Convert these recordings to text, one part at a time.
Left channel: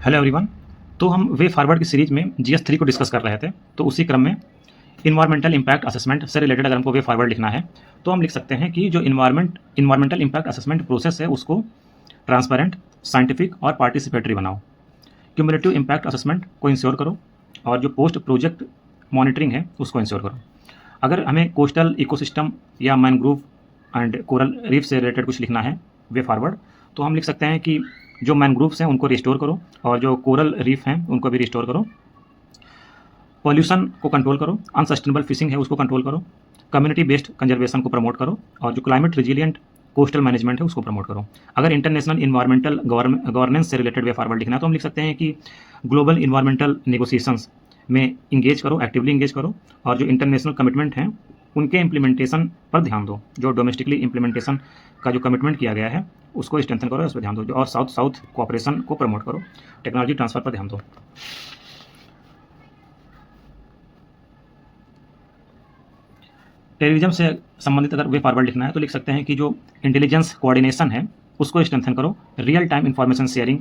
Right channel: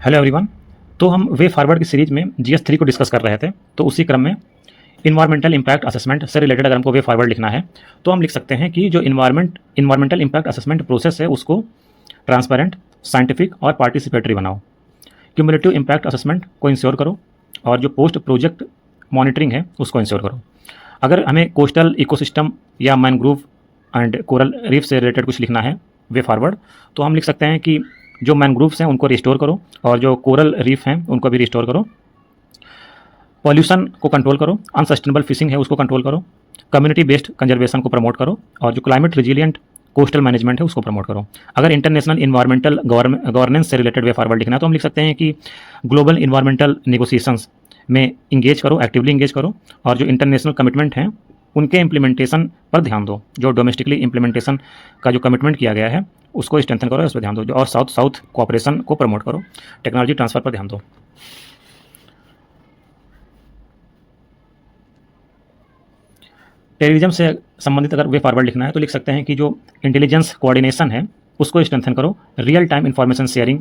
Hello everyone. तो हम way forward की सीरीज में GS3 को डिस्कस कर रहे थे। तो उसी क्रम में इन्वायरमेंटल इम्पैक्ट असेसमेंट से रिलेटेड अगर हमको वे फॉरवर्ड लिखना है तो हम लिख सकते हैं कि जो इन्वायरमेंटल इम्पैक्ट असेसमेंट प्रोसेस है उसको ट्रांसपेरेंट, साइंटिफिक और पार्टिसिपेटरी बनाओ। क्यूमुलेटिव इम्पैक्ट असेसमेंट को इंश्योर करो और जो पोस्ट प्रोजेक्ट मॉनिटरिंग है उसको इंश्योर करो। अगर हमें कोस्टल इकोसिस्टम या मैनग्रोव एंड कोरल रीफ से रिलेटेड कुछ लिखना है वे फॉरवर्ड, तो हम लिख सकते हैं कि जो मैनग्रोव्स हैं उनको रिस्टोर करो और जो कोरल रीफ हैं उनको भी रिस्टोर करो। पॉल्यूशन को कंट्रोल करो, अनसस्टेनेबल फिशिंग है उसको कंट्रोल करो, कम्युनिटी बेस्ड कंजर्वेशन को प्रमोट करो और जो क्लाइमेट रिजिलियंट कोस्टल मैनेजमेंट है उसको प्रमोट करो। अगर इंटरनेशनल इन्वायरमेंटल गवर्नेंस से रिलेटेड वे फॉरवर्ड लिखना है तो हम लिख सकते हैं कि ग्लोबल इन्वायरमेंटल नेगोशिएशंस में इंगेज करो, एक्टिवली इंगेज करो और जो इंटरनेशनल कमिटमेंट हैं उनके इम्प्लीमेंटेशन पर ध्यान दो। जो डोमेस्टिकली इम्प्लीमेंटेशन का जो कमिटमेंट किया गया है उसको स्ट्रेंथन करो, इस पर ध्यान दो और साउथ साउथ कोऑपरेशन को प्रमोट करो, टेक्नोलॉजी ट्रांसफर पर ध्यान दो। टेररिज्म से संबंधित अगर वे फॉरवर्ड लिखना है तो लिख सकते हैं कि जो इंटेलिजेंस कोऑर्डिनेशन है उसको स्ट्रेंथन करो, रियल टाइम इंफॉर्मेशन शेयरिंग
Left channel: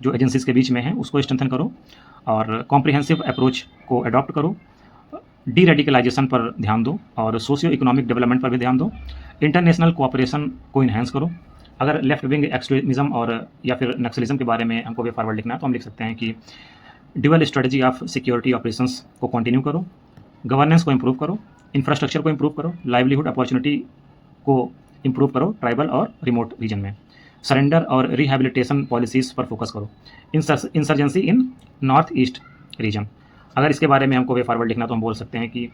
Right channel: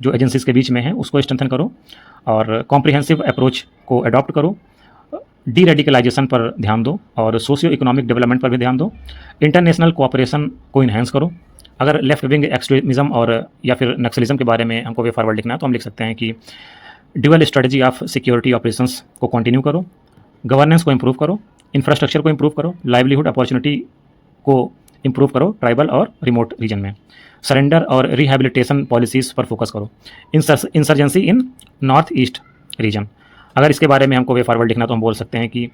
जो एजेंसीज के बीच में है उसको स्ट्रेंथन करो और कॉम्प्रिहेंसिव अप्रोच को अडॉप्ट करो, डी रेडिकलाइजेशन पर ध्यान दो और सोशियो इकोनॉमिक डेवलपमेंट पर भी ध्यान दो, इंटरनेशनल कोऑपरेशन को इन्हेंस करो। अगर लेफ्ट विंग एक्सट्रीमिज्म और या फिर नक्सलिज्म के बारे में हमको वे फॉरवर्ड लिखना है तो हम लिख सकते हैं कि dual strategy of security operations को कंटिन्यू करो, गवर्नेंस को इंप्रूव करो, इंफ्रास्ट्रक्चर को इंप्रूव करो, लाइवलीहुड अपॉर्चुनिटी को इंप्रूव करो ट्राइबल और रिमोट रीजन में, सरेंडर और रिहेबिलिटेशन पॉलिसीज़ पर फोकस करो, इंसर्जेंसी इन नॉर्थ ईस्ट रीजन। अगर इसके बारे में हमको वे फॉरवर्ड लिखना तो हम बोल सकते हैं कि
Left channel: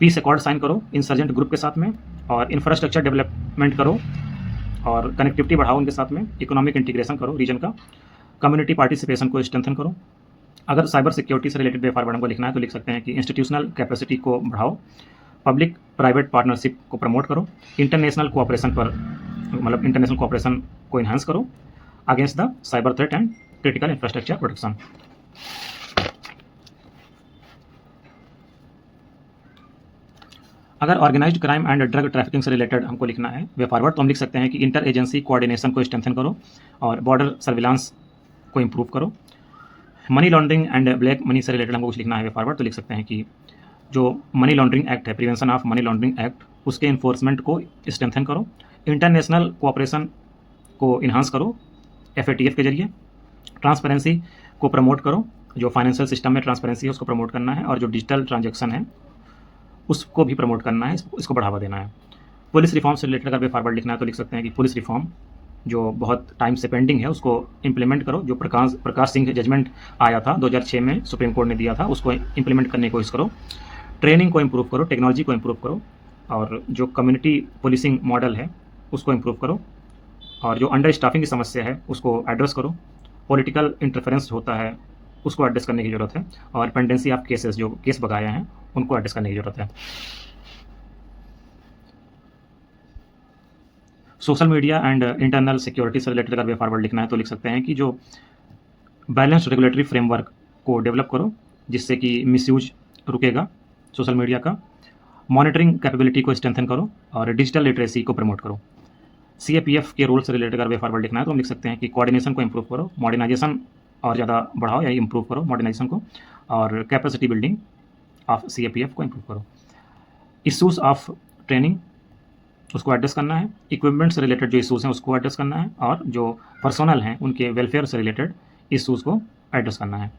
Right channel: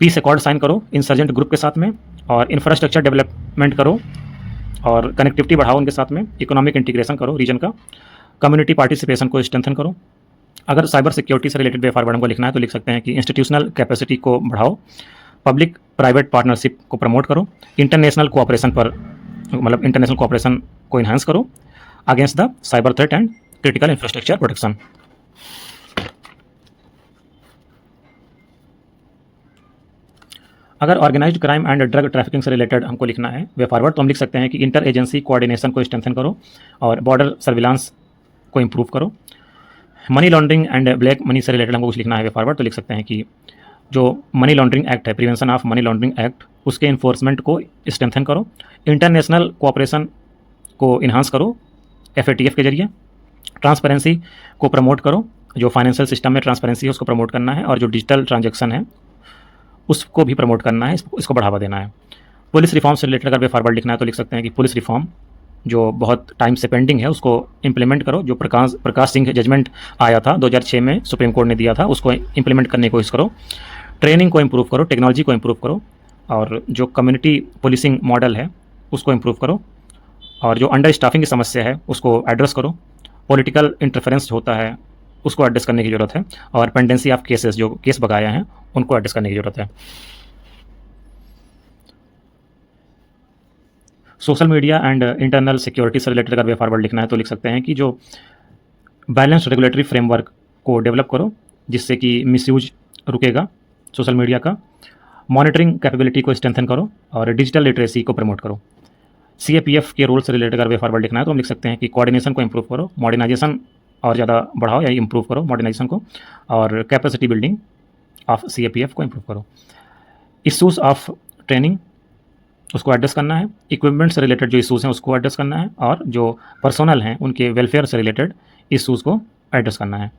पीस अकॉर्ड साइन करो इंसर्जेंट ग्रुप के साथ में और इंफ्रास्ट्रक्चर डेवलपमेंट करो और कनेक्टिविटी बढ़ाओ उनके साथ में, इकोनॉमिक इंटीग्रेशन करो रीजन का, कम्युनिटी पार्टिसिपेशन को स्ट्रेंथन करो। अगर साइबर सिक्योरिटी से रिलेटेड वे फॉरवर्ड को लिखना है तो लिख सकते हैं कि इंस्टीट्यूशनल कैपेसिटी को बढ़ाओ, पब्लिक प्राइवेट पार्टनरशिप को प्रमोट करो, इंटरनेशनल कोऑपरेशन पर मतलब इंटरनेशनल कोऑपरेशन को इन्हांस करो against the cyber threat and critical infrastructure protection. अगर organised crime and drug trafficking से रिलेटेड हमको लिखना है वे फॉरवर्ड तो हम लिख सकते हैं कि इंटर एजेंसी कोऑर्डिनेशन को स्ट्रेंथन करो और बॉर्डर सर्विलांस को इंप्रूव करो। Money laundering and black money से रिलेटेड हमको कुछ लिखना है वे फॉरवर्ड तो लिख सकते हैं कि जो मनी लॉन्ड्रिंग एक्ट है, prevention of money laundering act, उसके इन्फोर्समेंट को स्ट्रेंथन करो, इंटरनेशनल कोऑपरेशन को इन्हांस करो FATF के जरिए, ट्रांसपेरेंसी को प्रमोट करो, जो फाइनेंशियल सिस्टम में ट्रांसपेरेंसी है उसको प्रमोट करना है और जो डिजिटल ट्रांजेक्शन है उसको भी प्रमोट करना है, इसको बढ़ावा देना है। पुलिस रिफॉर्म से रिलेटेड अगर वे फॉरवर्ड लिखना है तो लिख सकते हैं कि पुलिस रिफॉर्म जो बहुत टाइम से पेंडिंग है उसको इम्प्लीमेंट करो, जो प्रकाश सिंह जजमेंट आया था 2006 में सुप्रीम कोर्ट ने दिया था उसको इम्प्लीमेंट करने की कोशिश करो, ट्रेनिंग को इम्प्रूव करो, टेक्नोलॉजी को इम्प्रूव करो और जो कम्युनिटी पुलिसिंग मॉडल है उसको इम्प्रूव करो और जो अंडर स्टाफिंग की समस्या है उसको एड्रेस करो, पॉलिटिकल इंटरफेरेंस होता है उसको एड्रेस करने की ज़रूरत है और पेंडेंसी ऑफ केसेस जो केस बकाया हैं उनको एड्रेस करने की ज़रूरत है। Social media and internal security से रिलेटेड अगर वे फॉरवर्ड लिखना है तो लिख सकते हैं कि जो बैलेंस रेगुलेटरी फ्रेमवर्क को डेवलप करो जिससे कि मिसयूज रुकेगा सोशल मीडिया का, मॉनिटरिंग कैपेबिलिटी को स्ट्रेंथन करो और डिजिटल लिटरेसी को प्रमोट करो। CAPF के रोल से रिलेटेड अगर वे फॉरवर्ड लिखना है तो हम लिख सकते हैं कि कोऑर्डिनेशन को इंप्रूव करो, मॉडर्नाइजेशन और ज़्यादा बढ़ाओ या इंप्रूव करो मॉडर्नाइजेशन को और कैपेसिटी बिल्डिंग ऑफ CAPF को इंप्रूव करो। इशूज़ ऑफ ट्रेनिंग उसको एड्रेस करना है, इक्विपमेंट से रिलेटेड जो इशूज़ हैं उसको एड्रेस करना है और जो पर्सनल हैं उनके वेलफेयर से रिलेटेड इशूज़ को एड्रेस करना है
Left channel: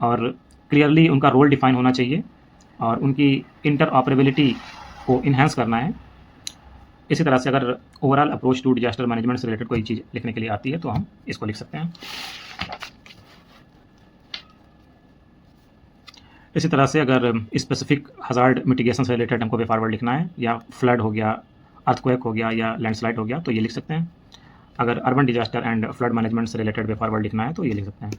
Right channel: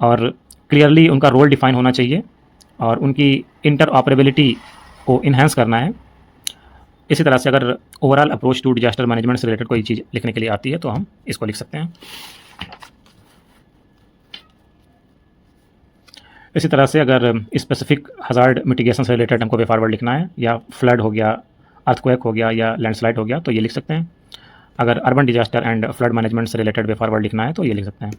और क्लियरली उनका रोल डिफाइन होना चाहिए और उनकी इंटर ऑपरेबिलिटी को इन्हांस करना है। इसी तरह से अगर overall approach to disaster management से रिलेटेड कोई चीज़ लिखने के लिए आती है तो हम इसको लिख सकते हैं। इसी तरह से अगर स्पेसिफिक हज़ार्ड मिटिगेशन से रिलेटेड हमको वे फॉरवर्ड लिखना है या फ्लड हो गया, अर्थक्वेक हो गया या लैंडस्लाइड हो गया तो ये लिख सकते हैं। अगर urban disaster and flood management से रिलेटेड वे फॉरवर्ड लिखना है तो ये लिख सकते हैं।